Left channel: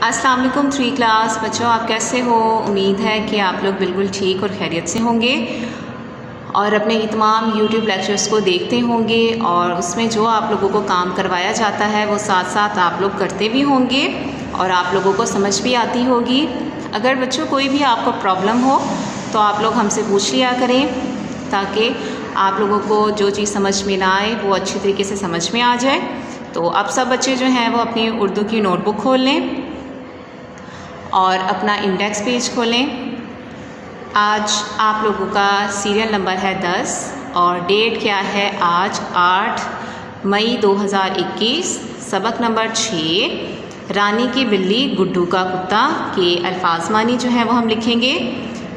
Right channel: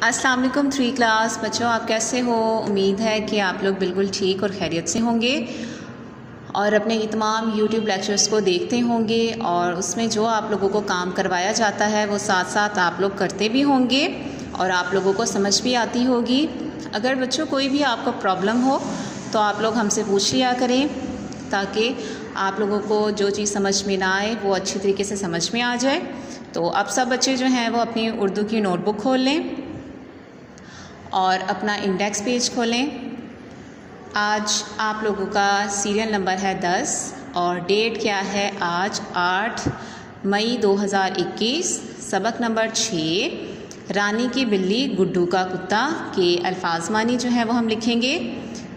अस्सलाम वालेकुम 3 क्लास बच्चों, आप कैसे हो। उम्मीद है कि आप लोग बिल्कुल ठीक और खैरियत से होंगे और अपने ये तमाम यूट्यूब लेक्चर्स को देखते होंगे और उसमें जो आप लोगों को काम करवाया जाता है वो साथ साथ आप लोग करते भी होंगे और आप लोगों को समझ भी आती होगी। अगर बच्चों कोई भी आपको प्रॉब्लम हो तो आप लोग हमसे पूछ लिया करें ताकि आप लोगों को जो चीज़ समझ में ना आए वो अच्छी तरीके से समझ में आ जाए। तो अब सब बच्चे जो हैं वो अपनी उर्दू की नोटबुक खोल लें और अपना इंडेक्स पेज खोलें। आज आप लोगों का सीरियल नंबर है 10 और डेट क्या है आज 8 मई 2021। सबक नंबर 6 रानी की बिल्ली गुड्डू का कुत्ता के अल्फाज मानी जो है वो हम लिखेंगे।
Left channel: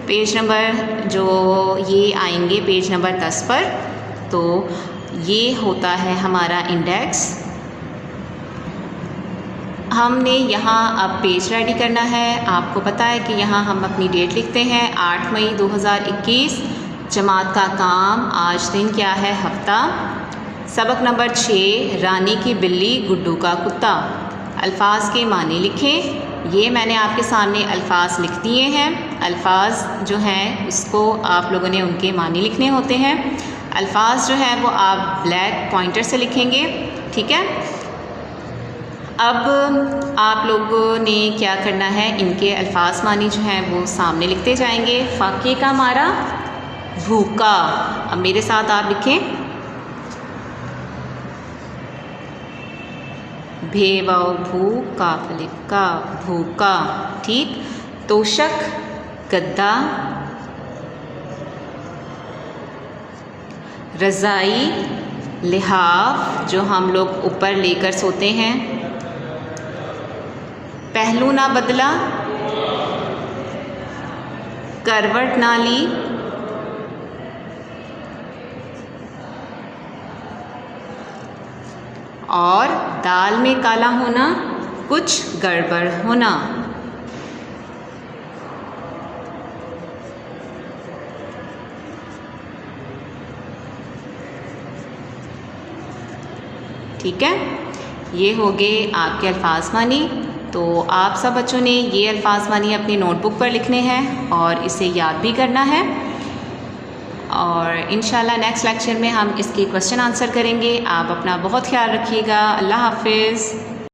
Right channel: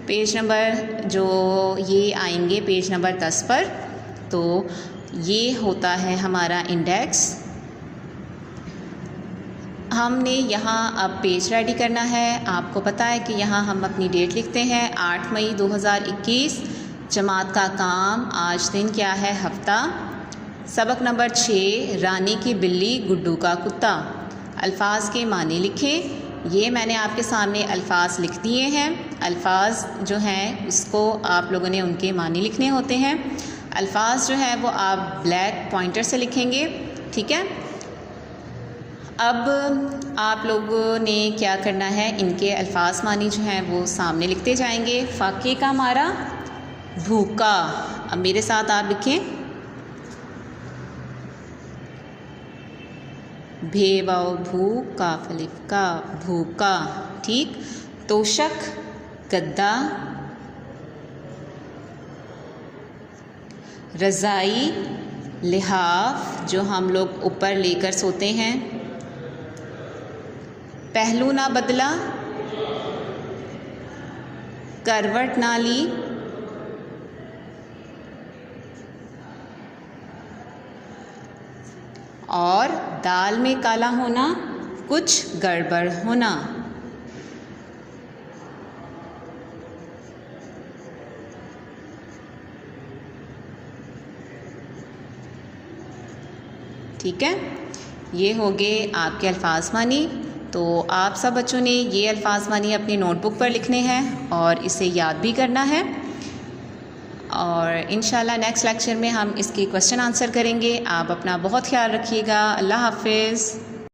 पेज नंबर जो ये आएंगे पेज नंबर 10 पर। तो ये होता है हमारा इंडेक्स। हमने यहाँ अब पेज रेडी करना है। आपको पता है कि यहाँ हम अपनी डेट लिखते हैं 8 मई 2021। जमात का काम आज दिन क्या है हफ्ता। सबक नंबर 6 रानी की बिल्ली गुड्डू का कुत्ता। अल्फाज के मानी लिखें। ये मैंने आपके सामने अल्फाज लिख दिए हैं। अल्फाज जो हैं उसको आप लोगों ने उनके मानी लिखने होते हैं। अल्फाज जो है वो आप ब्लैक पॉइंटर से लिखेंगे, ठीक है। अब आप लोगों ने क्या करना है, इनके अल्फाज मानी जो हैं वो सामने लिखते जाएंगे। फाके का मारा भूखा। अब मेरे साथ आप लिखें भेवाओ भू काफलिफ का भूखा, ठीक। तोशक गद्दा, रज़ाई लिहाफ जो हम लोग ऊपर लेकर सोते हैं। पहलू ना बदला, करवट ना ली, और दाल में काला होना कुछ गड़बड़ होना। ठीक है, ये हो गए आपके अल्फाज मानी। तो आप सब बच्चों ने ये अल्फाज मानी अपनी नोटबुक पर लिखने हैं और इसे याद भी करना है और इंशाल्लाह नेक्स्ट लेक्चर में हम इसके क्वेश्चन आंसर करेंगे। आप अपना बहुत ख्याल रखिएगा। अल्लाह हाफिज़।